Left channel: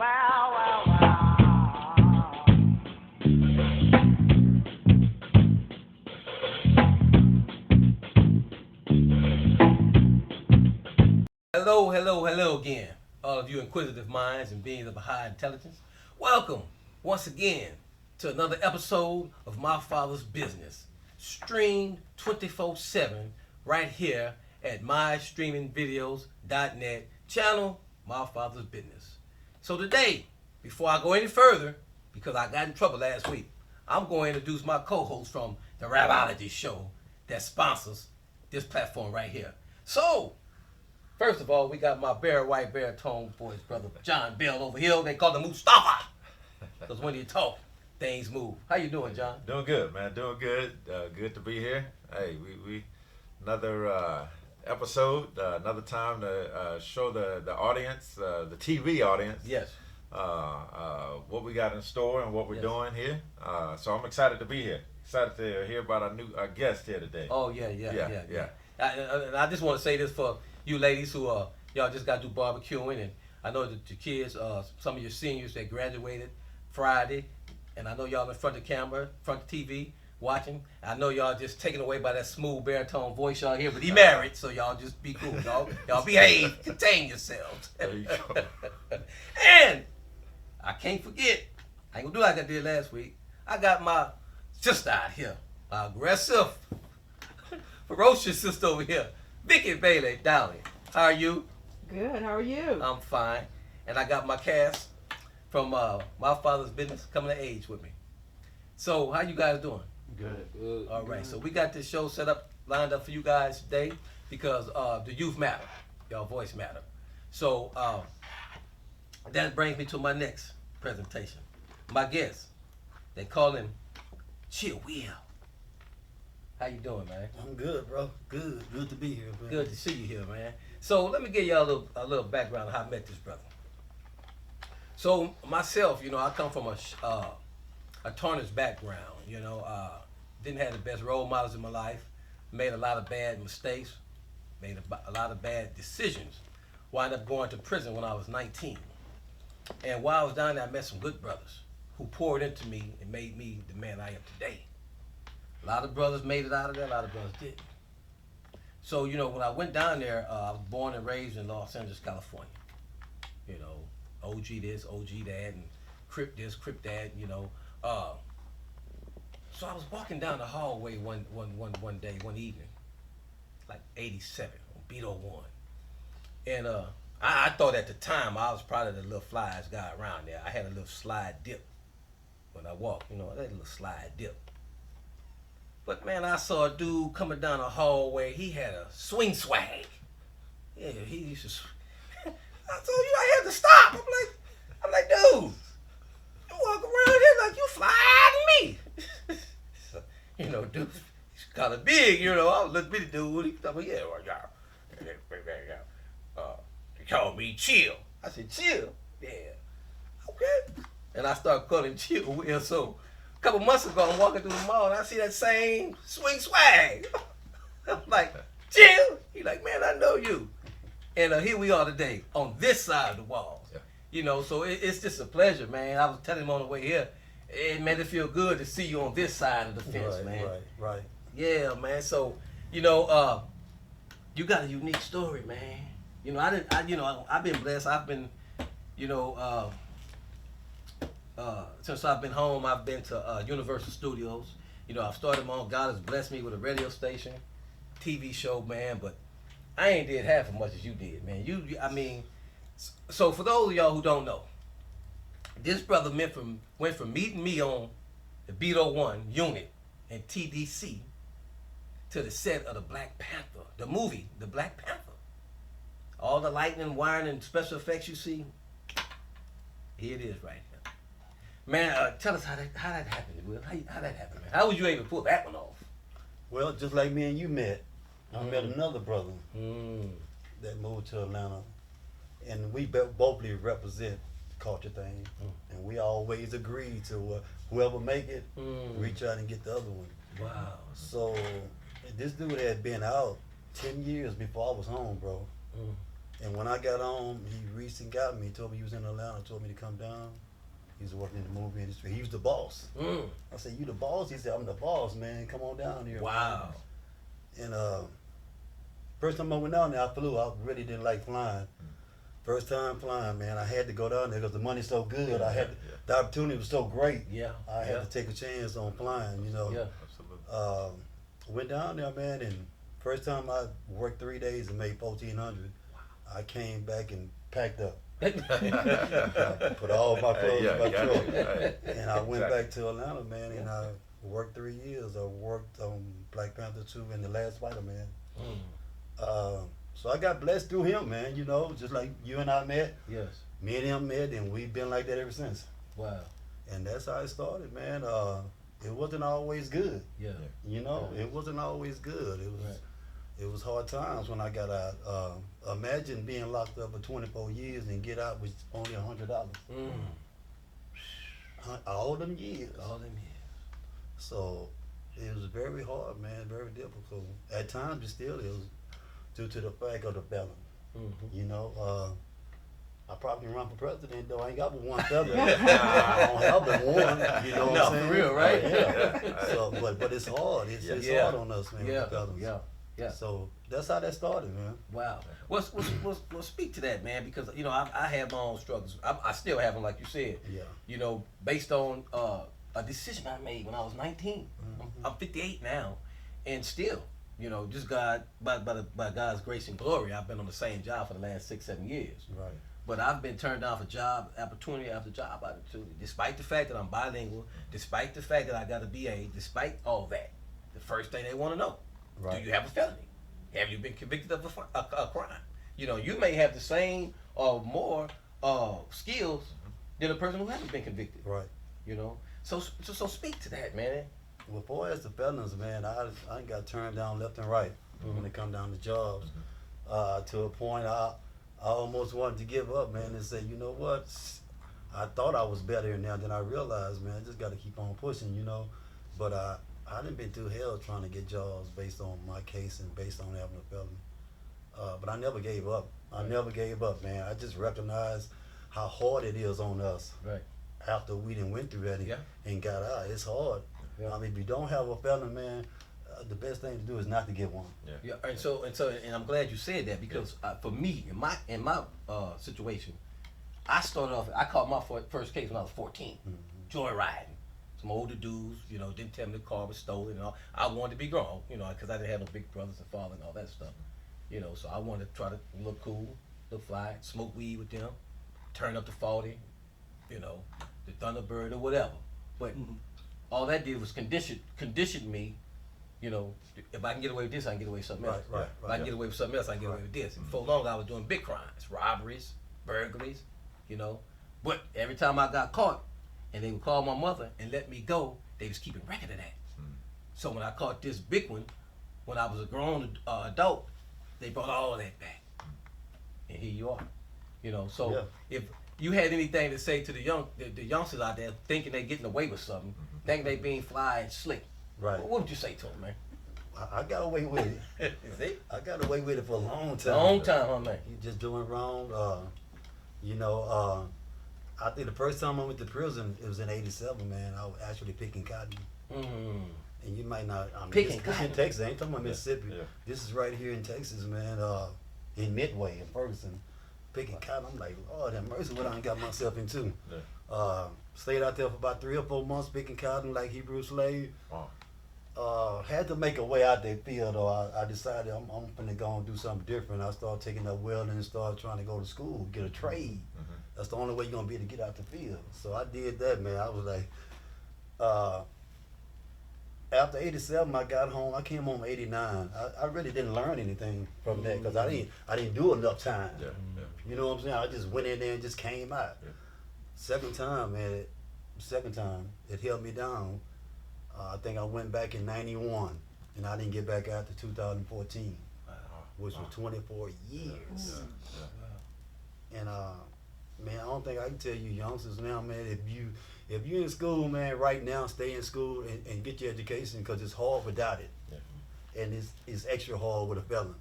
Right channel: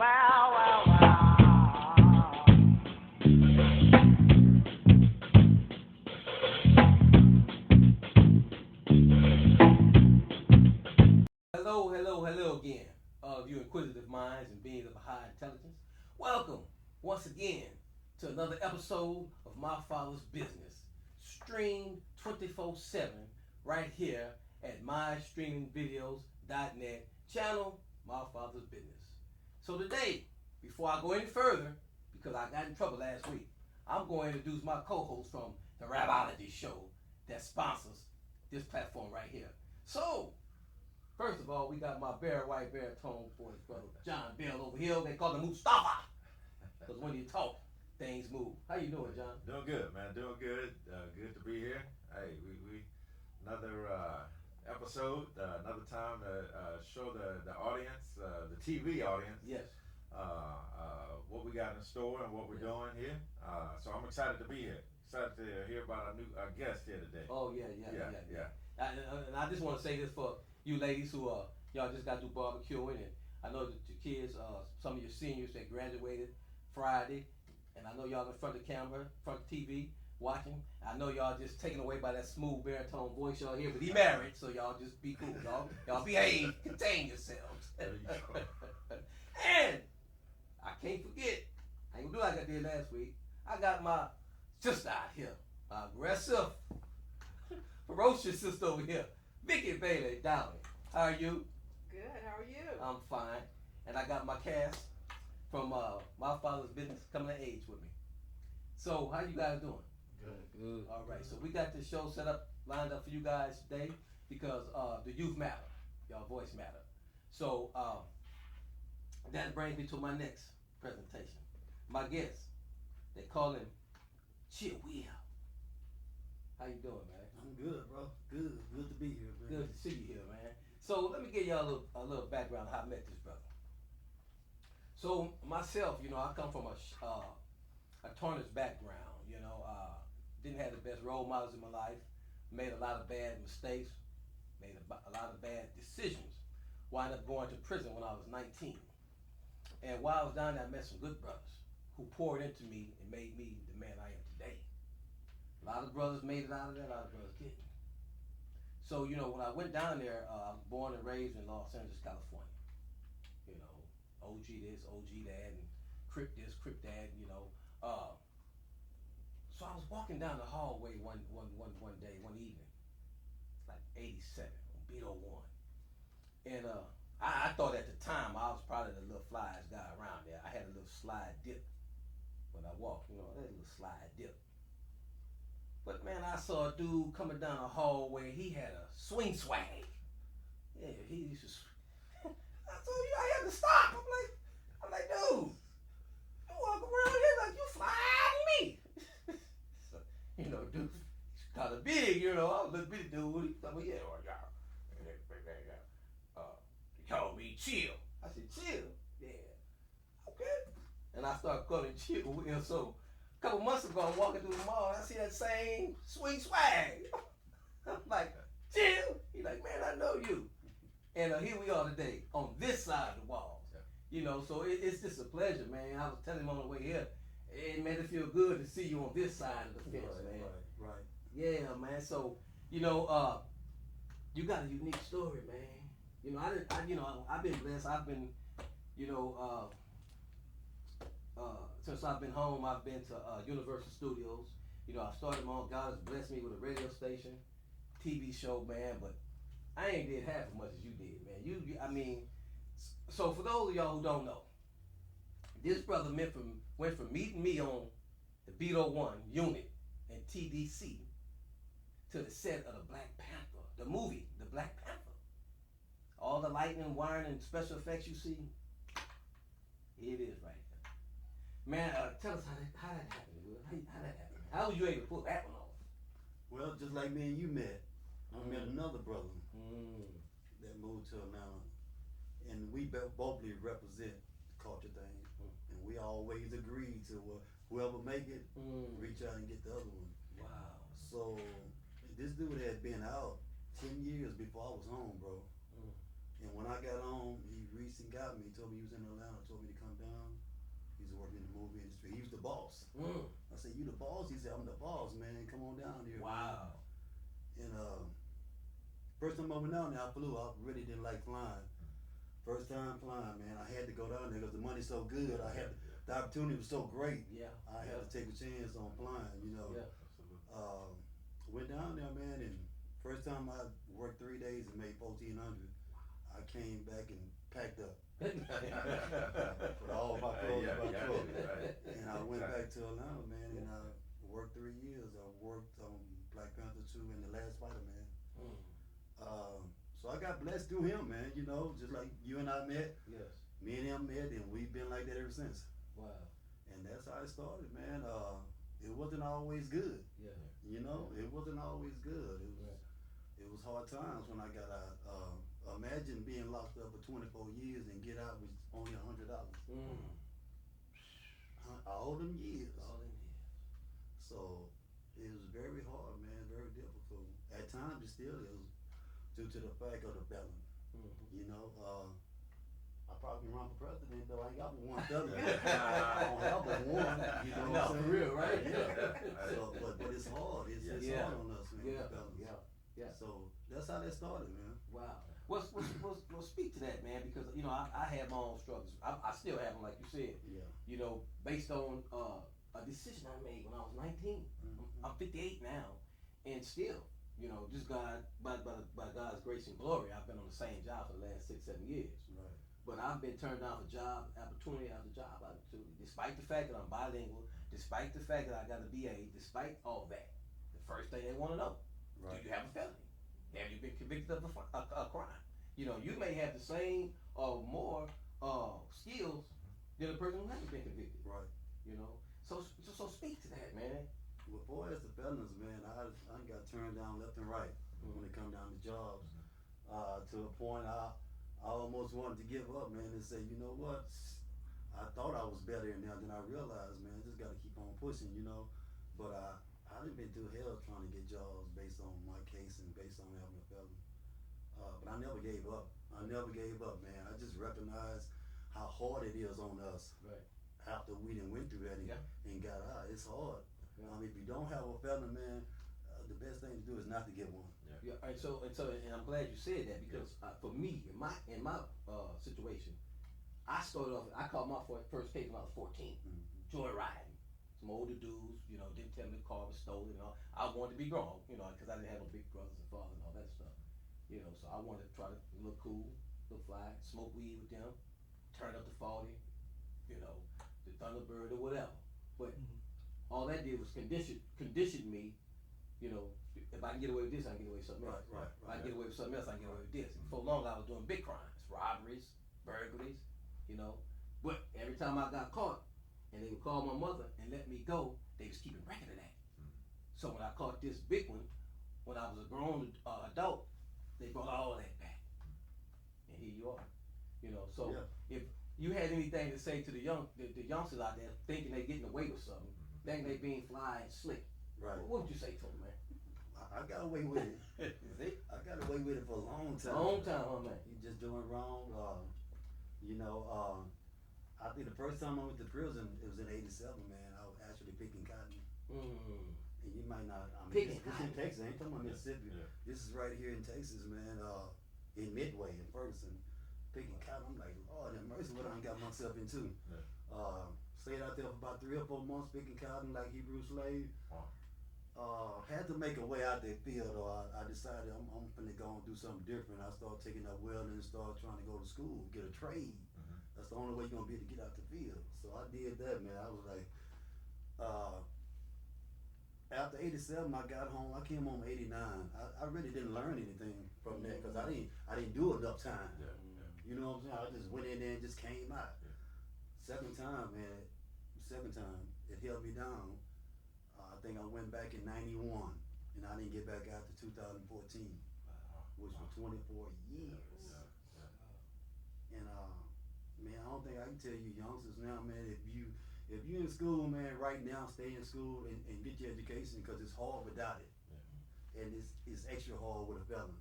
Wow, wow, wow. Hello, hello, hello again, all of you inquisitive minds and beings of a high intelligence. Welcome once again to another episode of My Father's Business, streamed 24/7 right here at mystreamingvideos.net, channel My Father's Business. So today, before I go any further, because I got in trouble last week, I'm going to introduce my co-host from the RAPOLOGY show that sponsors this platform right here. So, first of all, we got my very white baritone voice brother John Bell over here. They call him Mustafa. Because when you talk, things move. How you doing, John? Doing good, man. Doing good. Good to be here. Hey, we another episode, another time to show the audience, the TV audience, Yes. what we got in store and what we're doing here. So I'm excited to be here. Excited to hear about our guest here today. Oh, yeah. I just want to say this for you ladies who y'all just got to do barbecuing, and I know that your kids, some of your seniors that graduated Friday, and I know y'all in front of the camera, front of the TV, watching. I know y'all just taken away by that smooth baritone voice y'all hear, but he married, so y'all just be cool. Y'all behave, contain yourselves. There you go. And I can't forget, I ain't gonna do like I did last week. I got my sister out here, my aggressive, ferocious sister over here, Vicky Bailey Dowling. How are you? Good. How are you? I'm fine. And I got my cast from My Father's Business coming to age with me. So how you guys doing? Good. All right. So we got this show set up, lined up for you guys today because the youth matter. Y'all voice matter. So that brings me to my next presentation. My guest, they call him Chill Will. How you doing, man? I'm good, bro. Good to be here, bro. Good to see you here, man. So let me give y'all a little background on how I met this brother. So myself, I come from a tarnished background. Didn't have the best role models in my life. Made a lot of bad mistakes. Made a lot of bad decisions. Wound up going to prison when I was 19. And while I was down there, I met some good brothers who poured into me and made me the man I am today. A lot of brothers made it out of there, a lot of brothers didn't. So, when I went down there, I was born and raised in Los Angeles, California. OG this, OG that, and Crip this, Crip that, So I was walking down the hallway one day, one evening, like 87, on Beat 01. And I thought at the time I was probably the little flyest guy around there. I had a little slide dip when I walked, I had a little slide dip. But man, I saw a dude coming down the hallway. He had a swing swag. Yeah, he used to. I told you I had to stop. I'm like, dude, you walk around here like you fly to me. Dude, he's kind of big. I was a little bitty dude. He told me, yeah, well, y'all. He called me Chill. I said, Chill? Yeah. Okay. And I started calling him Chill Will. So a couple months ago, I'm walking through the mall and I see that same swing swag. I'm like, Chill? He like, man, I know you. And here we are today on this side of the wall. Yeah. So it's just a pleasure, man. I was telling him on the way here, it made it feel good to see you on this side of the fence, man. Right. Yeah, man. So, you got a unique story, man. I've been blessed. I've been, since I've been home, I've been to Universal Studios. I've started my own. God has blessed me with a radio station, TV show, man. But I ain't did half as much as you did, man. So for those of y'all who don't know, this brother went from meeting me on the Beat 01 unit in TDC to the set of the Black Panther, the movie, the Black Panther. All the lightning, wiring, and special effects you see, here it is right here. Man, tell us how that happened, Will. How that happened, man? How was you able to pull that one off? Well, just like me and you met, I met another brother that moved to Atlanta, and we both represent the culture thing, and we always agreed to whoever make it, reach out and get the other one. Wow. So this dude had been out 10 years before I was home, bro. And when I got home, he reached and got me. He told me he was in Atlanta. Told me to come down. He was working in the movie industry. He was the boss. I said, "You the boss?" He said, "I'm the boss, man. Come on down here." Wow. Man. And first time I went down there, I flew. I really didn't like flying. First time flying, man. I had to go down there because the money's so good. The opportunity was so great. Yeah. I had to take a chance on flying. You know. Yeah. Absolutely. Went down there, man, and first time I worked 3 days and made 1,400. I came back and packed up. Put all my clothes in my truck. And I went back to Atlanta, man, and I worked 3 years. I worked on Black Panther 2 and The Last Spider-Man. So I got blessed through him, man, you know, just like you and I met. Yes. Me and him met, and we've been like that ever since. Wow. And that's how it started, man. It wasn't always good. Yeah. You know, it wasn't always good. It was hard times when I got out. Imagine being locked up for 24 years and get out with only $100. All them years. All them years. So it was very hard, man, very difficult. At times it still is, due to the fact of the felon. You know, I probably run for president, though I ain't got but one felon. I don't have but one. You know what I'm saying? For real, right? Yeah. So, but it's hard. It's hard on us, man, with the felons. Yeah. So that's how that started, man. Wow. Well, speak to that, man, because you know I have my own struggles. I still have them, like you said. Yeah. You know, based on a decision I made when I was 19. I'm 58 now, and still, you know, just God by God's grace and glory, I've been on the same job for the last 6-7 years. Right. But I've been turned down for job opportunity after job opportunity, despite the fact that I'm bilingual, despite the fact that I got a BA, despite all that. The first thing they want to know. Right. Do you have a felony? Have you been convicted of a crime? You know, you may have the same or more skills than a person who hasn't been convicted. Right. You know, so speak to that, man. Well, far as the felons, man, I got turned down left and right when it come down to jobs. To a point, I almost wanted to give up, man, and say, you know what? I thought I was better now than I realized, man. I just got to keep on pushing, you know. But I done been through hell trying to get jobs based on my case and based on having a felony. But I never gave up. I never gave up, man. I just recognized how hard it is on us. Right. After we done went through that and got out, it's hard. Yeah. I mean, if you don't have a felony, man, the best thing to do is not to get one. Yeah. And I'm glad you said that because for me, in my situation, I started off. I caught my first case when I was 14, joyriding. Some older dudes, you know, didn't tell me the car was stolen and all. I wanted to be grown, you know, because I didn't have no big brothers and father and all that stuff, you know. So I wanted to try to look cool, look fly, smoke weed with them, turn up the 40, you know, the Thunderbird or whatever. But all that did was condition me, you know. If I can get away with this, I can get away with something else. Right. If I can get away with something else, I can get away with this. And for long, I was doing big crimes, robberies, burglaries, you know. But every time I got caught, and they would call my mother and let me go, they was keeping record of that. So when I caught this big one, when I was a grown adult, they brought all of that back. And here you are. You know, so if you had anything to say to the youngsters out there thinking they getting away with something, thinking they being fly and slick, what would you say to them, man? I got away with it. See? I got away with it for a long time. Long time, huh, man? You just doing wrong. You know, I think the first time I went to prison, it was in '87, man. I was actually picking cotton. And you might not, I mean, Picking this cotton? in Texas, I ain't talking about Mississippi. Yeah. This is right here in Texas, man, in Midway, in Ferguson. Picking cotton, I'm like, Lord have mercy, what I done got myself into. Stayed out there for about 3 or 4 months picking cotton like Hebrew slave. Had to make a way out that field, though. I decided I'm finna go and do something different. I started taking up welding and started trying to go to school, get a trade. That's the only way you're gonna be able to get out the field. So I did that, man. I was like, after '87, I got home. I came home in '89. I really didn't learn anything from that because I didn't do enough time. You know what I'm saying? I just went in there and just came out. Second time, man. It held me down. I think I went back in '91, and I didn't get back out to 2014, which was 24 years. And man, I don't think I can tell you youngsters now, man, if you in school, man, right now, stay in school and get your education because it's hard without it. And it's extra hard with a felon.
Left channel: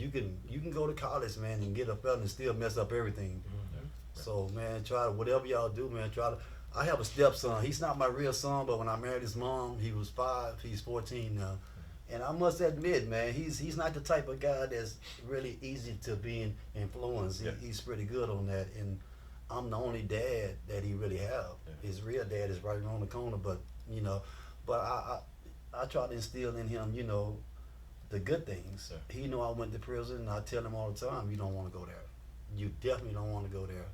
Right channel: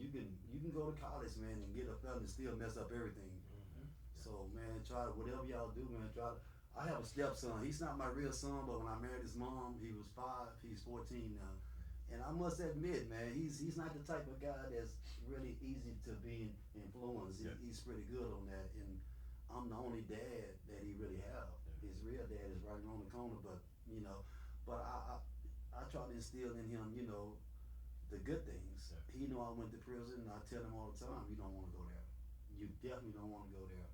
you can go to college, man, and get a felony and still mess up everything. So, man, try to, whatever y'all do, man, try to. I have a stepson. He's not my real son, but when I married his mom, he was 5. He's 14 now. And I must admit, man, he's not the type of guy that's really easy to be influenced. He's pretty good on that. And I'm the only dad that he really have. His real dad is right around the corner, but, you know, but I try to instill in him, you know, the good things. He know I went to prison, and I tell him all the time, you don't want to go there. You definitely don't want to go there.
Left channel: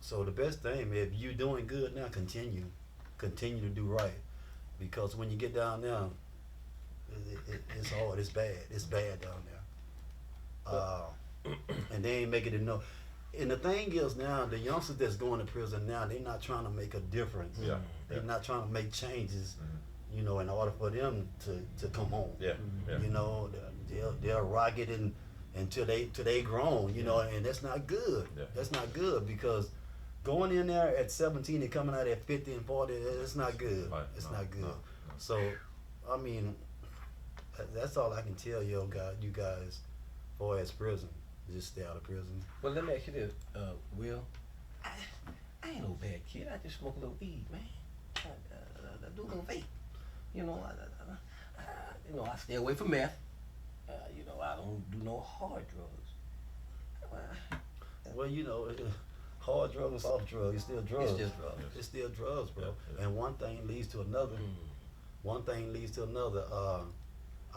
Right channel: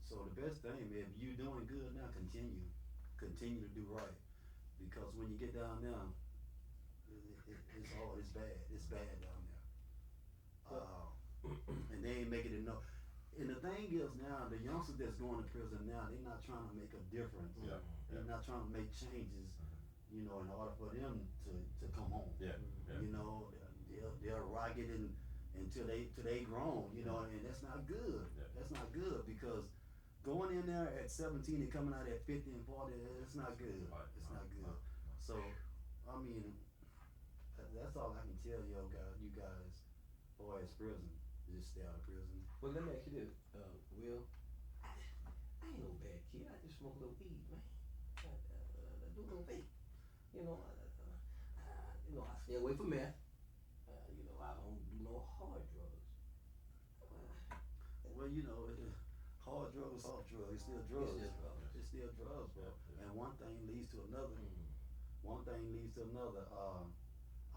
So the best thing, if you're doing good now, continue to do right, because when you get down there, it's hard, it's bad down there. And they ain't making it no. And the thing is now, the youngsters that's going to prison now, they're not trying to make a difference. They're not trying to make changes, you know, in order for them to come home. You know, they'll rock it until they grown, you know, and that's not good. That's not good, because going in there at 17 and coming out at 50 and 40, it's not good. It's not good. So, I mean, that's all I can tell you guys, as far as prison. Just stay out of prison. Well, let me ask you this, Will. I ain't no bad kid. I just smoke a little weed, man. I do a little vape. You know, I stay away from meth. You know, I don't do no hard drugs. Well, you know, hard drugs and soft drugs, it's still drugs. It's just drugs. It's still drugs, bro. And one thing leads to another. One thing leads to another.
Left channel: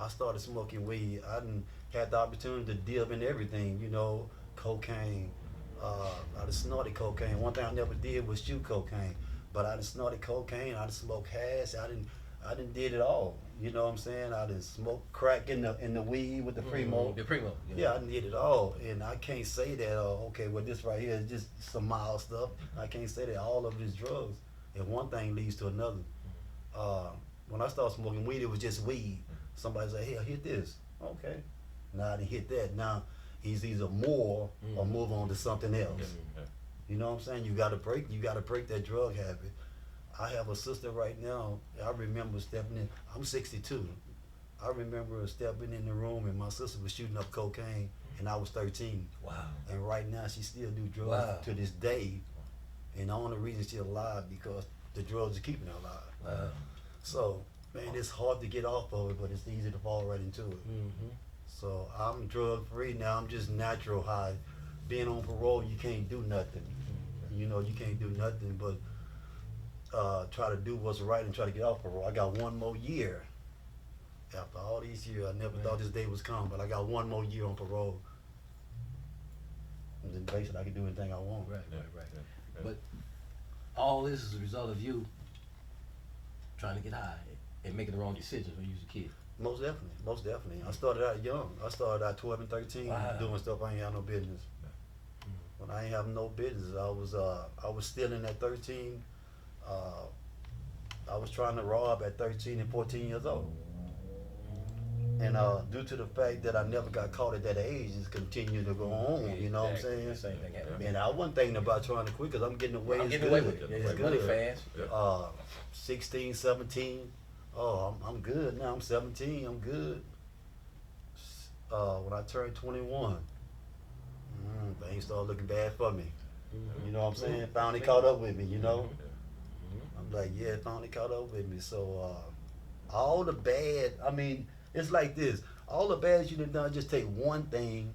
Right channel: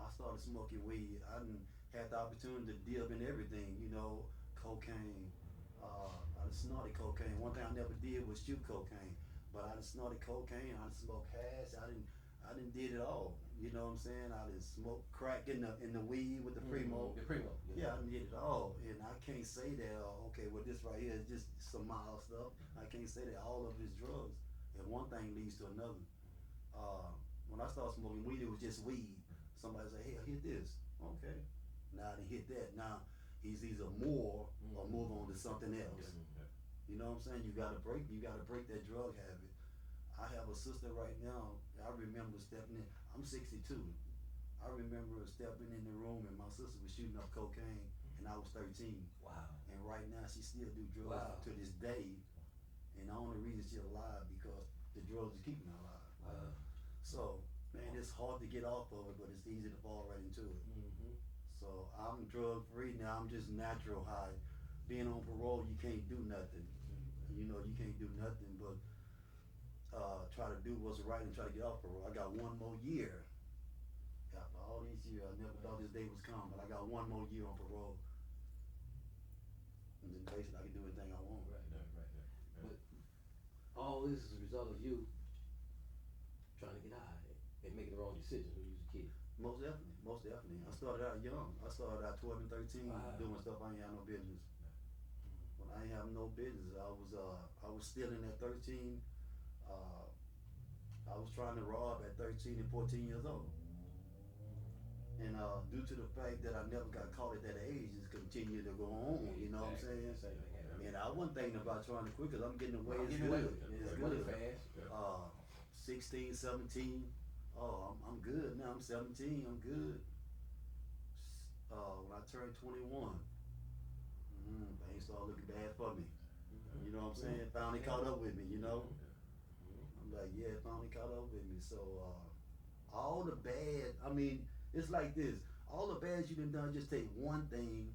I started smoking weed. I didn't had the opportunity to dip in everything, you know, cocaine. I done snorted cocaine. One thing I never did was shoot cocaine, but I done snorted cocaine. I done smoked hash. I done did it all. You know what I'm saying? I done smoked crack in the weed with the Primo. The Primo. Yeah, I done did it all, and I can't say that. Okay, well, this right here is just some mild stuff. I can't say that all of it is drugs. And one thing leads to another. When I started smoking weed, it was just weed. Somebody say, "Hey, hit this." Okay. Now I didn't hit that. Now he's either more or move on to something else. You know what I'm saying? You gotta break that drug habit. I have a sister right now. I remember stepping in. I'm 62. I remember stepping in the room and my sister was shooting up cocaine, and I was 13. Wow. And right now she still do drugs to this day. And the only reason she's alive because the drugs are keeping her alive. Wow. So, man, it's hard to get off of it, but it's easy to fall right into it. So I'm drug free now. I'm just natural high. Being on parole, you can't do nothing. You know, you can't do nothing but try to do what's right and try to get off parole. I got one more year. After all these years, I never thought this day was coming, but I got one more year on parole. And then basically I can do anything I want. Right. But all this is a result of you trying to get high and making the wrong decisions when you was a kid. Most definitely. I started out young. I started out 12 and 13 doing stuff I ain't have no business. When I ain't have no business, I was still in at 13. I was trying to rob at 13 and 14 years old. And due to the fact that I never got caught at that age, it's continued to go on. You know what I'm saying? Same thing happened. And I wasn't thinking about trying to quit because I'm getting away. I'm It's getting good. away with it. It's Money good. fast. 16, 17. Oh, I'm good now. I'm 17. I'm good. When I turned 21, things started looking bad for me. You know what I'm saying? Finally caught up with me, you know? I'm like, yeah, finally caught up with me. So, all the bad, I mean, it's like this. All the bad you done, just take one thing,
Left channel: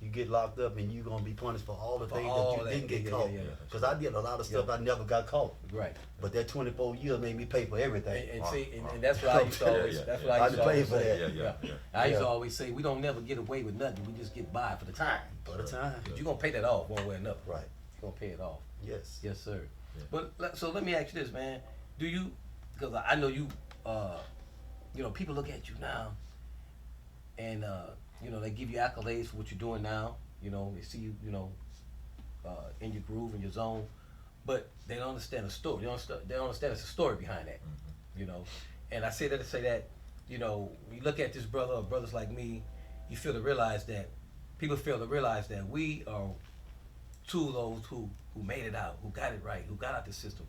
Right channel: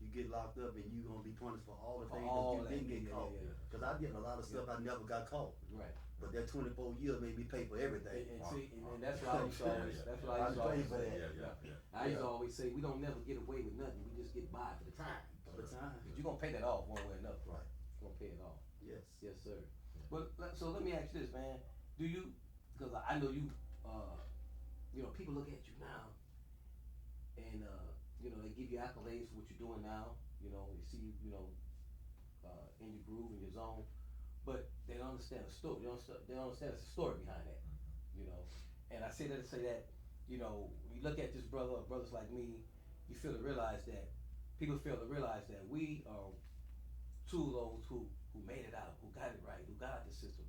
you get locked up and you're going to be punished for all the things that you didn't get caught. Because I did a lot of stuff I never got caught. Right. But that 24 years made me pay for everything. And see, and that's what I used to always, that's what I used to always say. I used to always say, we don't never get away with nothing. We just get by for the time. For the time. You're going to pay that off one way or another. Right. You're going to pay it off. Yes. Yes, sir. But so let me ask you this, man. Do you, because I know you, you know, people look at you now and, you know, they give you accolades for what you're doing now. You know, they see you, you know, in your groove, in your zone. But they don't understand the story. They don't understand there's a story behind that, you know. And I say that to say that, you know, when you look at this brother or brothers like me, you feel to realize that, people fail to realize that we are two of those who made it out, who got it right, who got out the system.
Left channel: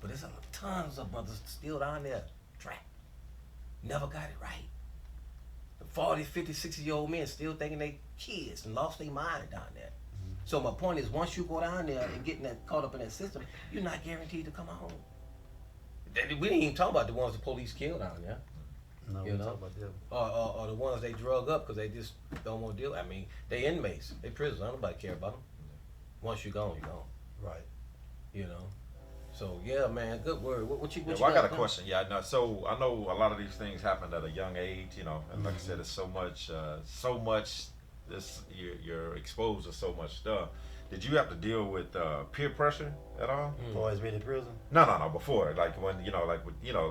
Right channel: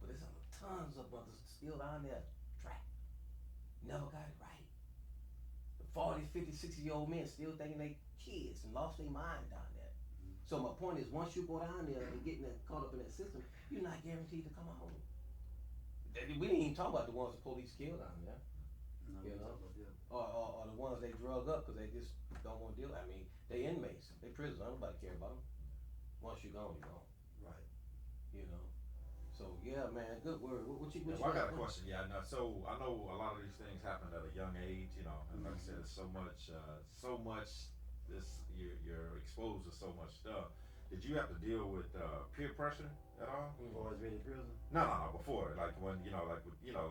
But there's tons of brothers still down there, trapped, never got it right. 40, 50, 60-year-old men still thinking they kids and lost their mind down there. So my point is, once you go down there and getting that caught up in that system, you're not guaranteed to come home. We didn't even talk about the ones the police killed down there. No, You we know? talk about them. Or the ones they drug up because they just don't want to deal. I mean, they inmates, they prisoners. Nobody care about them. Once you're gone, you're gone. Right. You know. So yeah, man, good word. What you Yeah, got? well, I got a question. Yeah, no. So I know a lot of these things happened at a young age, you know, and like I said, it's so much. This you're exposed to so much stuff. Did you have to deal with peer pressure at all? Boys been in prison? No. Before, like when you know, you know,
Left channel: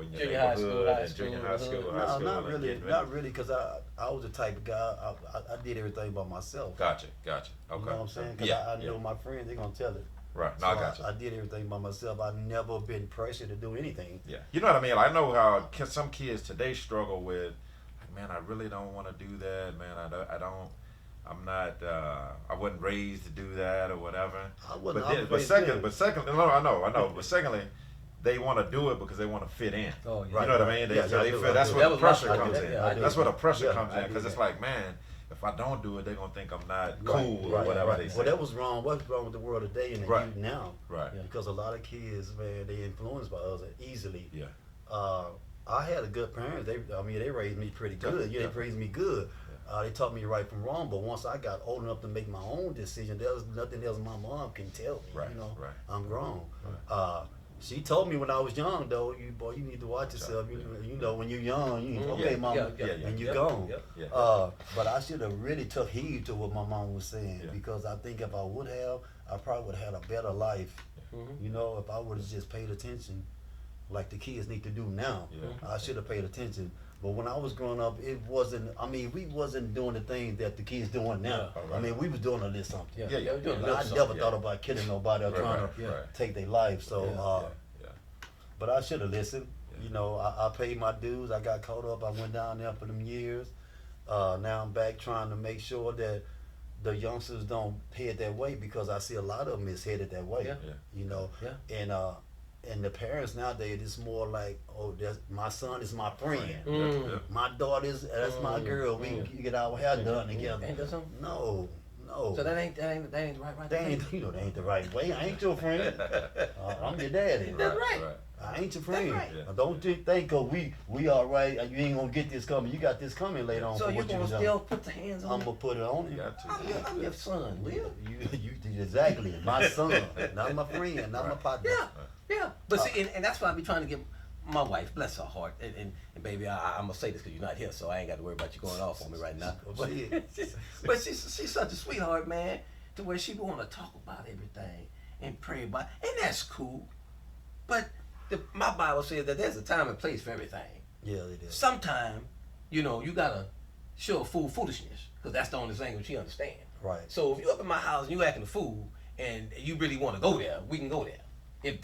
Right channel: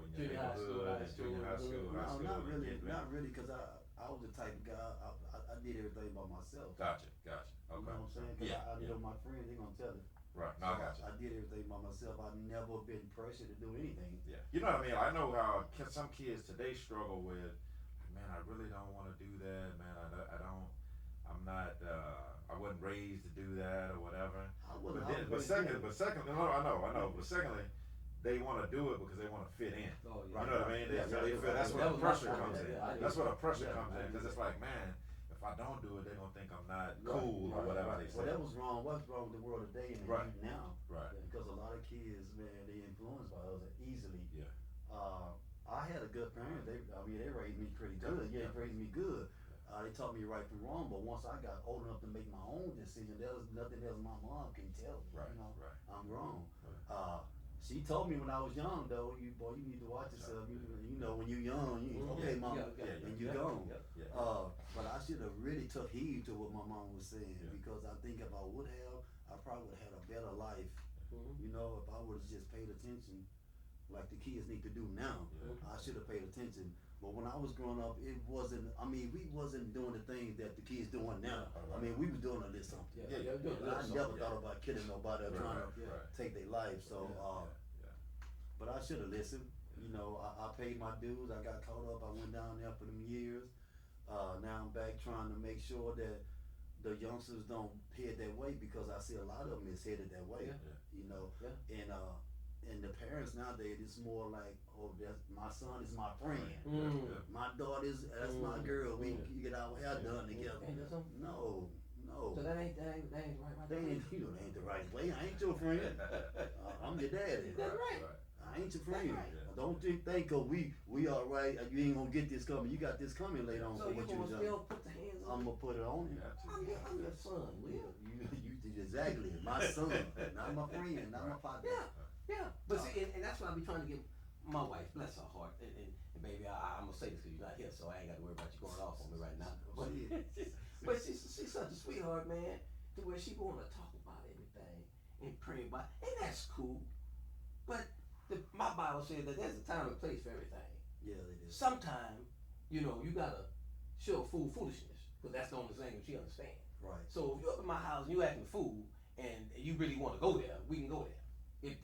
in your Junior high neighborhood school, high and junior school, high school, No, high school. not and really. getting Not really, because I was the type of guy, I did everything by myself. Gotcha. Okay. You know what I'm saying? Because I know my friends, they're going to tell it. Right. No, So I got you. I did everything by myself. I never been pressured to do anything. Yeah, you know what I mean. I know how some kids today struggle with, like, man, I really don't want to do that, man. I'm not. I wasn't raised to do that or whatever. I wasn't. But secondly, no, I know. But secondly, they want to do it because they want to fit in. Oh, yeah. You know what I mean? Yeah, So they I do, feel I that's do. where That the was my pressure struggle. comes in. Yeah, I do. That's where the pressure Yeah, comes I in do because it's that. like, man, if I don't do it, they're gonna think I'm not Right, cool right, or whatever right. they say. Well, that was wrong. What's wrong with the world today and the Right. youth now? Right. Yeah. Because a lot of kids, man, they influenced by others easily. Yeah. I had a good parents. They raised me pretty good. Yeah. They raised me good. They taught me right from wrong. But once I got old enough to make my own decision, there was nothing else my mom can tell me. Right, You know, right. I'm grown. She told me when I was young, though, you need to watch yourself. You know, when you're young, okay, Yeah, mama, yeah, and you're yeah, gone. yeah. But I should have really took heed to what my mom was saying Yeah. because I think if I would have, I probably would have had a better life. You know, if I would have just paid attention, like the kids need to do now. Yeah. I should have paid attention. But when I was growing up, it wasn't. I mean, we wasn't doing the things that the kids doing now. Yeah. I mean, we was doing a little something. Yeah, Yeah, we're doing a But little I something. never thought about killing nobody or Right, trying right, to right. take their life. So, Yeah. but I should have listened. You know, I paid my dues. I got caught up. I went down there for them years. Now I'm back trying to make sure that the youngsters don't head that way because I see a lot of them is headed that way. Yeah. You know, Yeah. and the parents nowadays it's more like, oh, my son is my friend. Yeah. My daughter's that's my girl. We get our hair done together. Ain't that something? No. So that ain't the right. They ain't, you know, they ain't the right way. I ain't your friend. I'm your daddy. That's right. I ain't your friend. right. Yeah. Don't you think, cause we all right. You ain't gonna get this coming. You got this coming later on. So for you what you gonna done. still put the hands on I'm it? gonna put it on You you. got to. I'm your son, Will. You exactly my son, not my friend, not my partner. Yeah. But see, and that's why I be trying to get my wife, bless her heart, and baby, I'm gonna say this because you're not here, so I ain't got to worry about you going off on me right now. Oh, But, shit. but she's such a sweetheart, man, to where she want to talk about everything and pray about, and that's cool. But my Bible says that there's a time and place for everything. Yeah, it is. Sometime, you gotta show a fool foolishness because that's the only language she understands. Right. So if you up in my house and you acting a fool and you really want to go there, we can go there.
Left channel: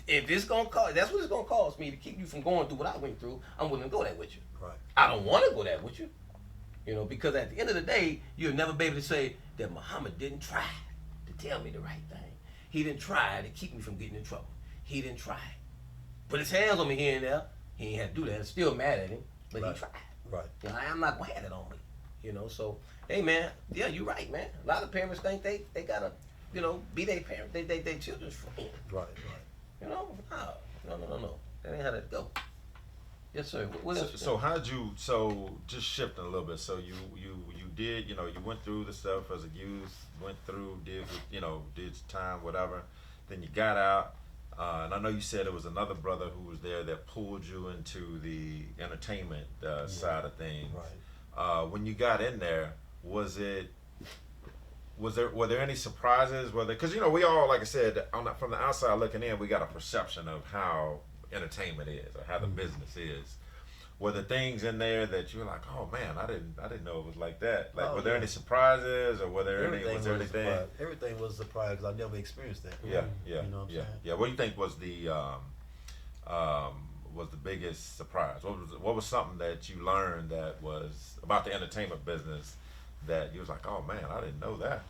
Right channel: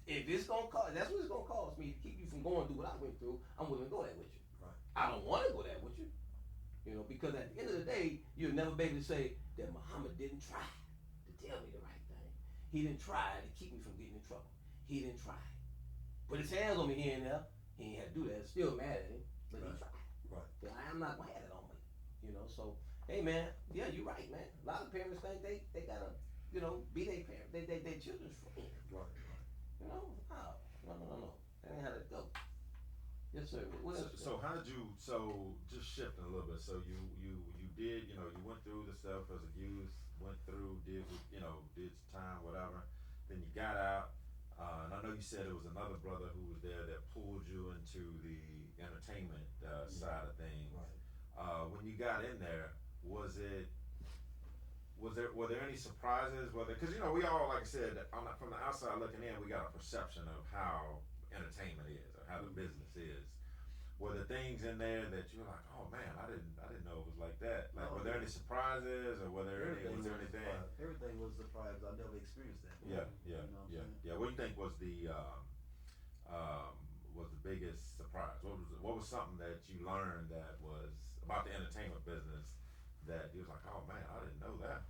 If it's gonna cost, that's what it's gonna cost me to keep you from going through what I went through. I'm willing to go there with you. Right. I don't want to go there with you, because at the end of the day, you'll never be able to say that Muhammad didn't try to tell me the right thing. He didn't try to keep me from getting in trouble. He didn't try. Put his hands on me here and there. He ain't had to do that. I'm still mad at him, but Right. he tried. Right. I'm not gonna have it on me. So hey man, yeah, you're right, man. A lot of parents think they gotta, be their parent, they children's friend. Right. No. That ain't how that go. Yes, sir. What else? So how'd you? So just shifting a little bit. So you did, you went through the stuff as a youth, went through, did time, whatever. Then you got out, and I know you said there was another brother who was there that pulled you into the entertainment side of things. Right. When you got in there, were there any surprises? Because we all, like I said, from the outside looking in, we got a perception of how entertainment is or how the business is. Were there things in there that you were like, oh man, I didn't know it was like that? Like, were there any surprises, or was there anything? Everything was a surprise 'cause I never experienced that. Yeah. You know what I'm saying? Yeah. What do you think was the biggest surprise? What was something that you learned that was about the entertainment business that you was like, oh man, I didn't know that?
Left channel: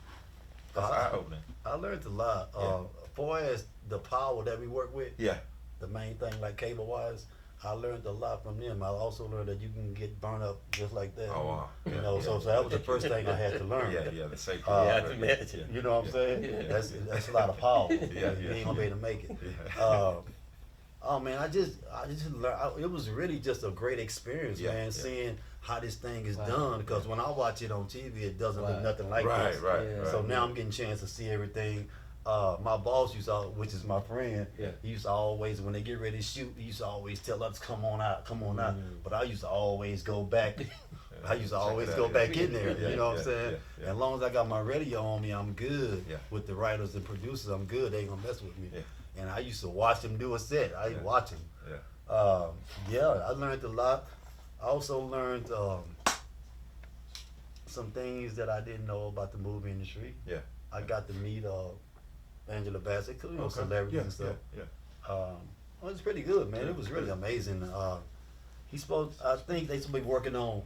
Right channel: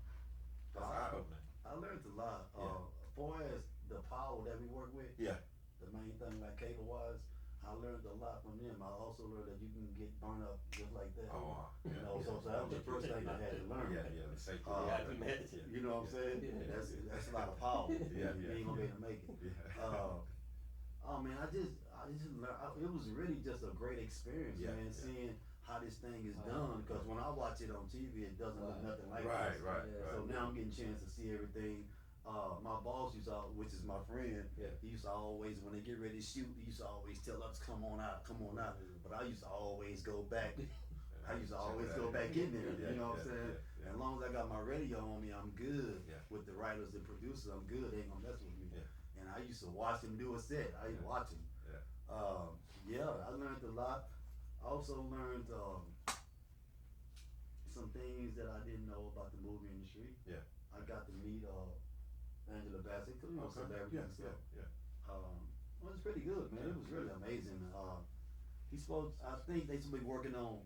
That's eye-opening. I learned a lot. Yeah. As far as the power that we work with, Yeah. the main thing like cable wise, I learned a lot from them. I also learned that you can get burned up just like that. Oh, wow. You know, so that was the first thing I had to learn. Yeah, the safety. Yeah, I of can it. imagine. You know what I'm saying? Yeah. That's a lot of power. Yeah, You yeah. ain't gonna be able to make it. Yeah. Oh man, I just learned. It was really just a great experience, Yeah, man. yeah. Seeing how this thing is Wow. done, because when I watch it on TV, it doesn't look Right. nothing like Right, this. right, Yeah. right. So now I'm getting a chance to see everything. My boss used to, which is my friend, Yeah. he used to always, when they get ready to shoot, he used to always tell us, come on out, come on out. Mm. But I used to always go back. I used to Check always it go out, back yeah. in there. Yeah, You know what I'm yeah, saying? yeah, yeah. As long as I got my radio on me, I'm good. Yeah. With the writers and producers, I'm good. They ain't gonna mess with me. Yeah. And I used to watch them do a set. I Yeah. watch them. Yeah. Yeah, I learned a lot. I also learned some things that I didn't know about the movie industry. Yeah. I got to meet Angela Bassett, you know, Okay. celebrities Yeah, and stuff. yeah, Well, it's pretty good, man. Yeah, It was really good. amazing. I think they supposed to be working on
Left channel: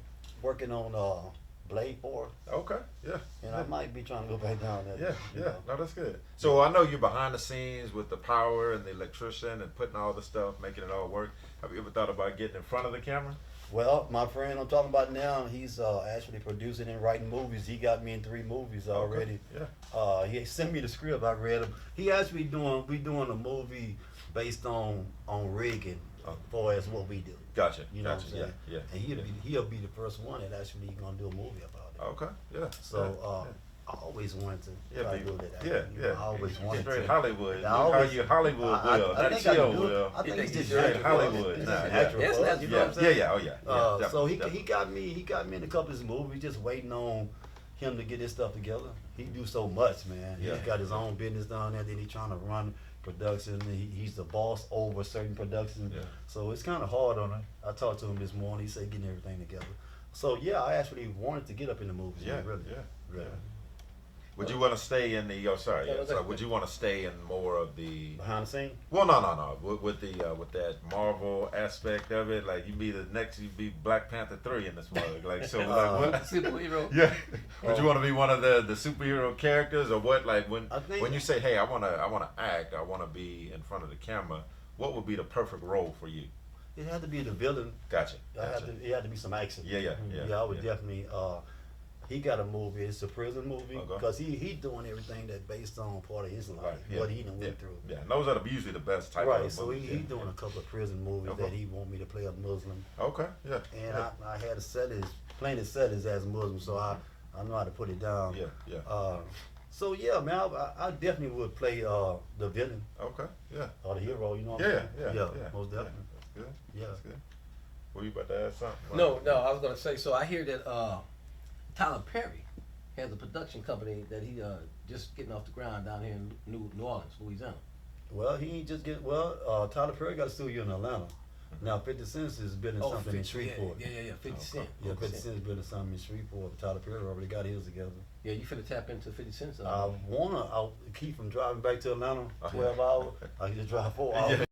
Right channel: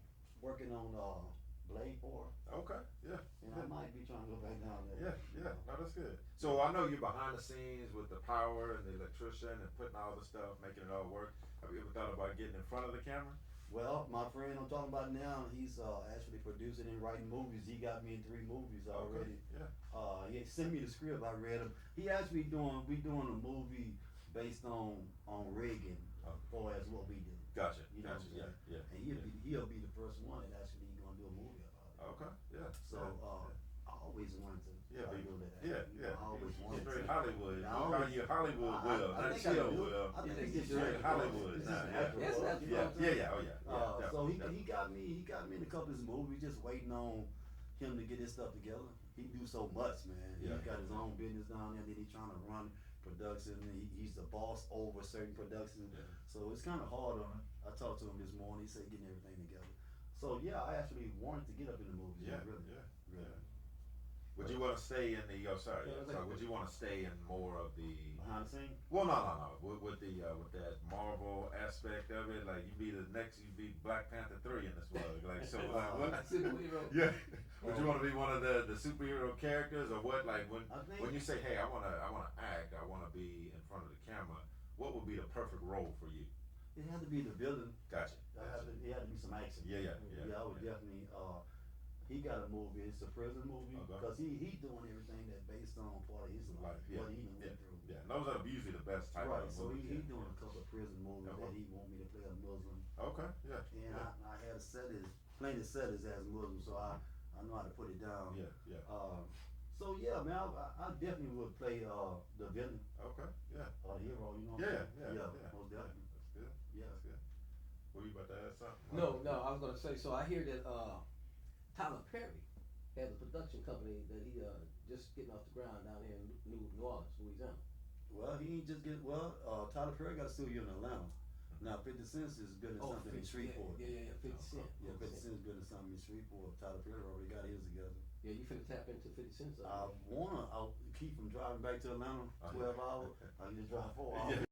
Blade 4, yeah. Okay. Yeah. and I might be trying to go back down there. Yeah, you yeah, know. no, that's good. So I know you're behind the scenes with the power and the electrician and putting all the stuff, making it all work. Have you ever thought about getting in front of the camera? Well, my friend I'm talking about now, he's actually producing and writing movies. He got me in 3 movies already. Okay. Yeah. He sent me the script. I read him. He actually we doing a movie based on rigging, as far as what we do. Gotcha. You know gotcha. what I'm saying? Yeah. And yeah. he'll be the first one that actually gonna do a movie about it. Okay. Yeah. So I always wanted to try to do that. I always wanted Straight to. Hollywood. I always- you Hollywood will. I Not think I chill can do it. will. I think You he's think just you straight should? Hollywood. He's Nah, just yeah. natural. Yes, bud. that's- You know what I'm Yeah, saying? yeah, oh yeah. Yeah, So he definitely. got me in a couple of his movies, just waiting on him to get his stuff together. He do so much, man. Yeah. He got his own business down there. Then he trying to run production. He's the boss over certain production. Yeah. So it's kind of hard on him. I talked to him this morning. He said getting everything together. So yeah, I actually wanted to get up in the movies. Yeah, man, really. yeah, Really. yeah. Would you want to stay in the? Oh, sorry. Yeah, Yeah. okay. So would you want to stay in more of the? Behind the scene. Well, no. With that Marvel aspect of it, like you be the next, you be Black Panther 3 in this movie. Like so, like what? Superhero. Yeah. Would you want to be one of the superhero characters, or what? Like I think- when you say, hey, I wanna act, I wanna be in front of the camera. What would be the perfect role for you? It had to be the villain. Gotcha. It had to be some action. Yeah. I would definitely. He got a movie. It's a prison movie Okay. because he doing everything that based on part of his life, Right, yeah, what he done went yeah, through. Yeah, and those are usually the best type Right. of So movies. he doing a couple of prison movies Okay. that he want me to play a Muslim, Okay. Yeah. and yeah. I had to set his plain to set his as Muslim, so I know how to put it down. Yeah. So yeah, man, I definitely would play the villain Okay. Yeah. or the hero. You know what Yeah. I'm saying? Yeah. Most definitely. That's good. Yeah. That's good. Were you about to add something? No, I was gonna say. So I hear that Tyler Perry has a production company that he just getting off the ground down here in New Orleans, Louisiana. Well, he ain't just get Tyler Perry got a studio in Atlanta. Now 50 Cent is building something in 50, Shreveport. Yeah, 50 Cent. Yeah, 50 Cent's building something in Shreveport. Tyler Perry already got his together. Yeah, you finna tap into 50 Cent. I keep from driving back to Atlanta 12 hours. I can just drive 4 hours. Yeah.